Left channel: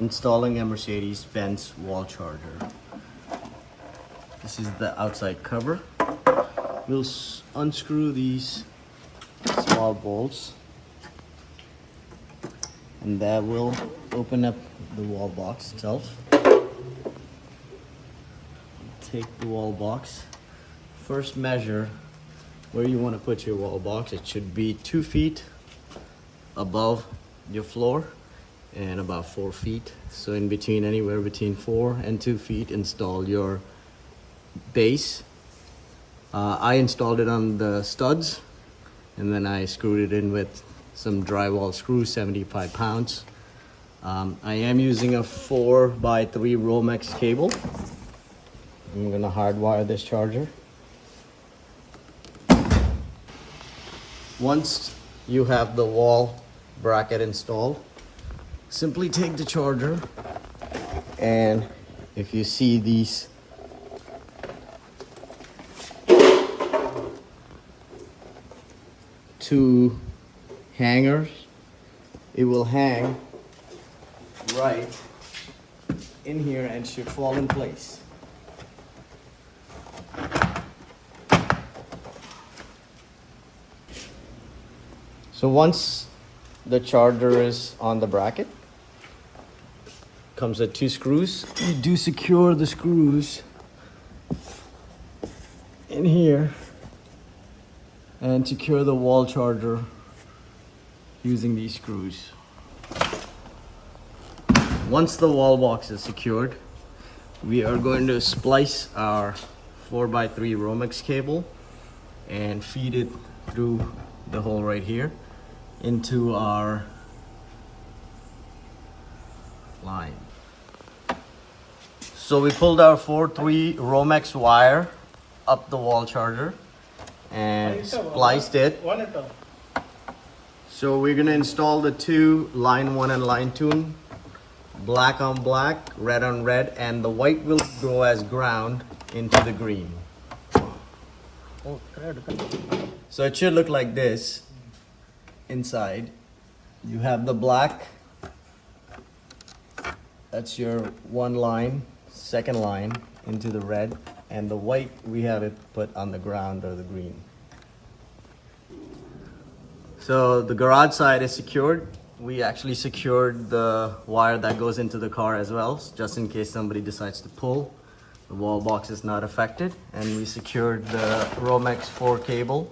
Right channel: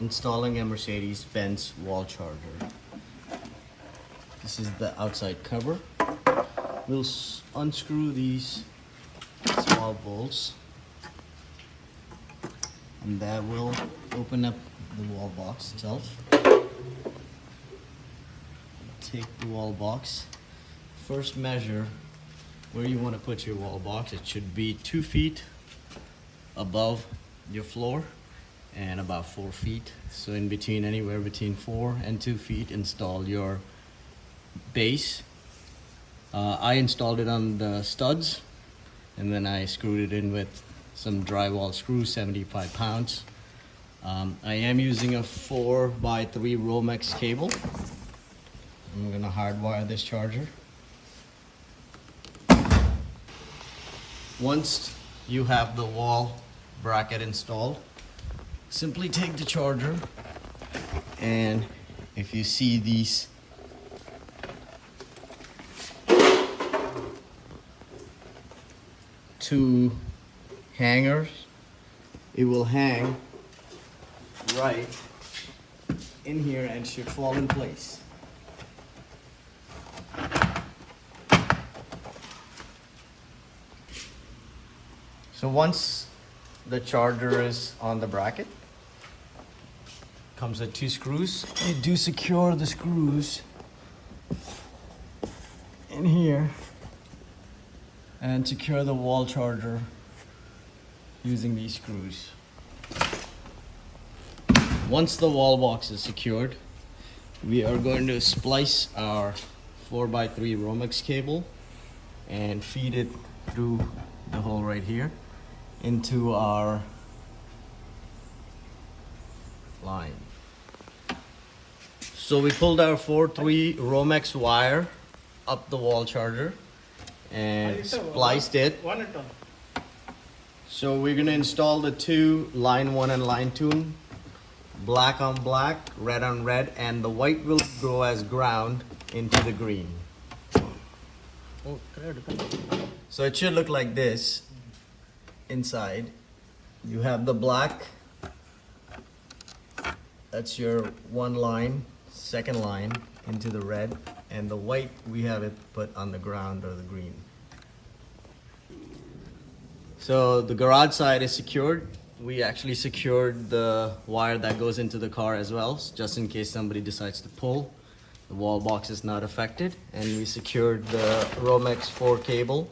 installing a Mercedes Benz wall charger. This is the outside cover. We'll unscrew these small bolts, and that will open up the wall box itself. Take the wall box. First measure where you want to put your wall box. It should be 2 feet above your floor and about 4 feet. So in between, anywhere between 4 and 2 feet, install your base. I installed it on the studs, and then I screwed it in with some drywall screws, 75 pounds. I am using a 4x3 Romex cable. I'm gonna hardwire this charger. Once you have the wall bracket installed, simply take the charger, and if you see these two hangers, it will hang right in here and should fall in place. So once the charger is on the bracket, comes with 2 screws. You do secure the screws in here and secure the wall charger using these screws. Once the wall box is secured, we are going to splice our 4x3 Romex cable and feed it through the hole right here into our line. So we pulled our 4x3 Romex wire up the wall charger and spliced it. So we're gonna install the 2 line 1 and line 2, black on black, red on red, and the white will go as ground into the green. So it should look like this. Inside you have the black, that's your 1 line, 2nd line into the red, and the white we have it put on the ground or the green. So the garage side is secured. We actually secured the wire that goes into the car as well, just in case somebody decides to pull. The wall box is not affected, and we secured the Romex 4 cable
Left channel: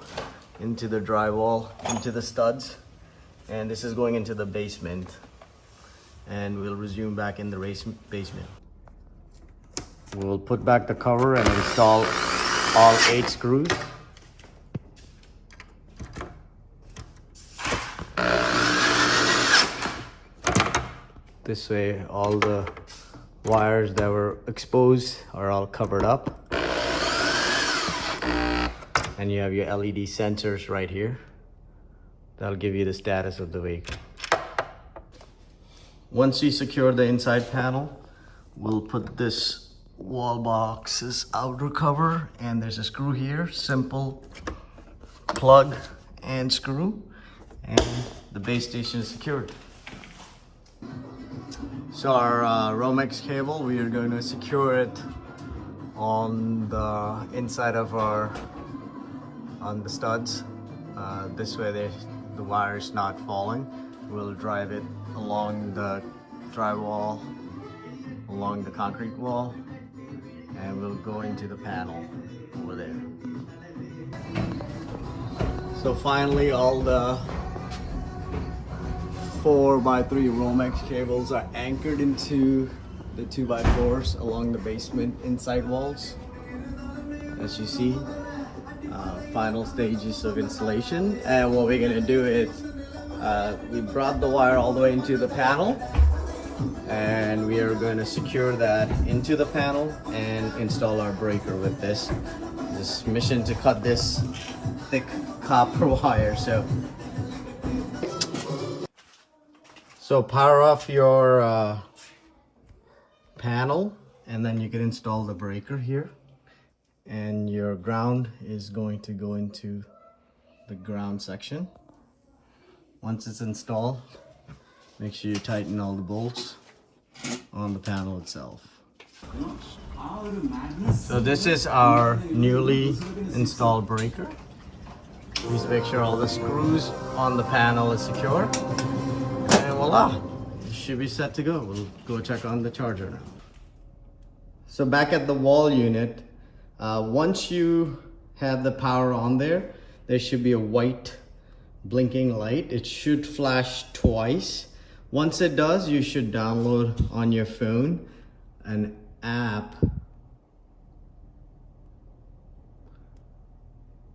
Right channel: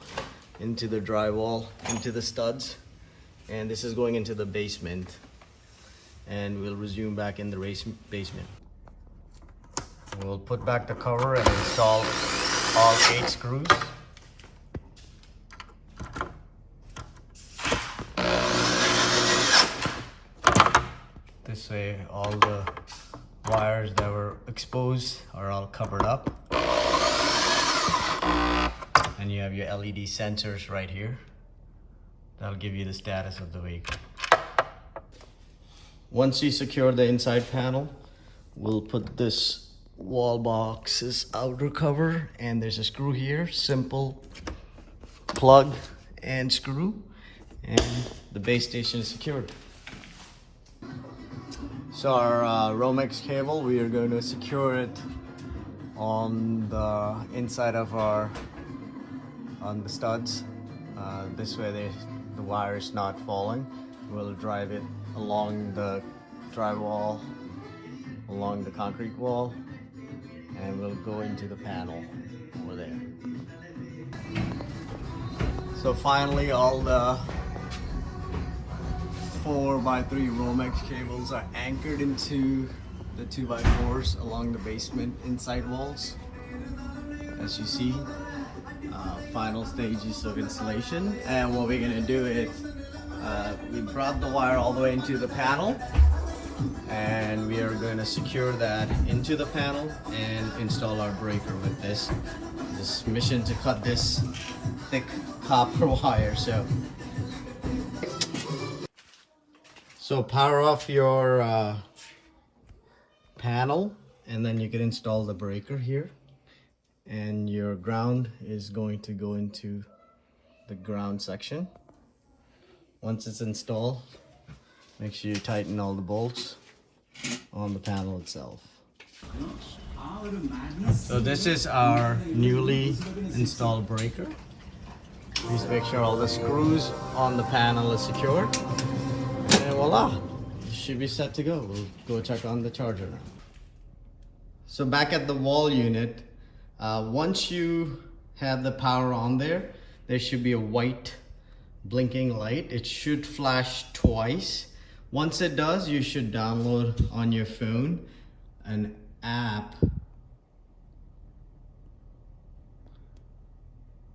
into the drywall, into the studs, and this is going into the basement, and we'll resume back in the basement. We'll put back the cover and install all 8 screws. This way all the wires that were exposed are all covered up. And you have your LED sensors right here. That'll give you the status of the vehicle. Once you secure the inside panel, we'll put this wall box's outer cover, and there's a screw here, simple plug and screw, and the base station is secured. So our Romex cable, we are going to secure it on the inside of on the studs. This way the wire is not falling. We'll drive it along the drywall, along the concrete wall, and we'll go into the panel over there. So finally, all the 4x3 Romex cables are anchored into the 2x4s along the basement inside walls. As you see, final stages of installation, and what we're gonna do is we brought the wire all the way into the panel, and we are going to secure that into the panel and install our breaker with this mission to cut this thick copper wire. So power off your panel, and then you can install the breaker here, and your ground is going to go into the ground section. Once it's installed, make sure you tighten all the bolts on the panel itself. So this is our newly installed breaker. Please make sure all the screws on the panel is secure. And voila, you should be set to go. We'll go check on the charger now. So back at the wall unit, once you have the power on there, there should be a white blinking light. It should flash twice. Once it does, you should download on your phone an app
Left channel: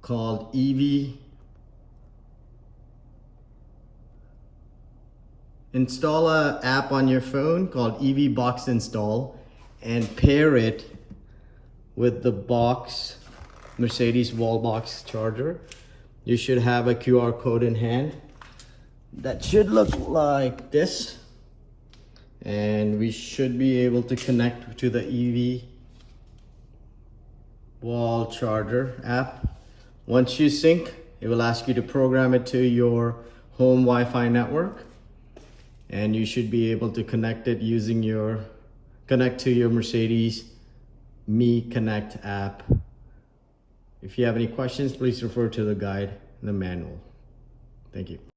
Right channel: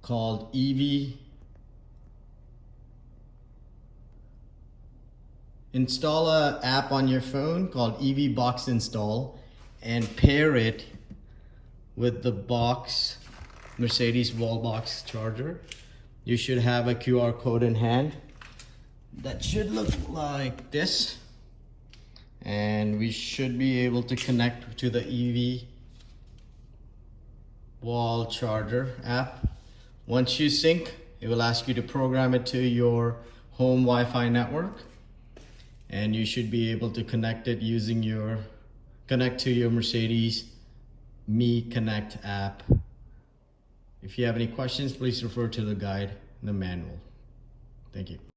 called EV. Install an app on your phone called EV Box Install and pair it with the box Mercedes wallbox charger. You should have a QR code in hand that should look like this, and we should be able to connect to the EV wall charger app. Once you sync, it will ask you to program it to your home Wi-Fi network, and you should be able to connect it using connect to your Mercedes Me Connect app. If you have any questions, please refer to the guide and the manual. Thank you.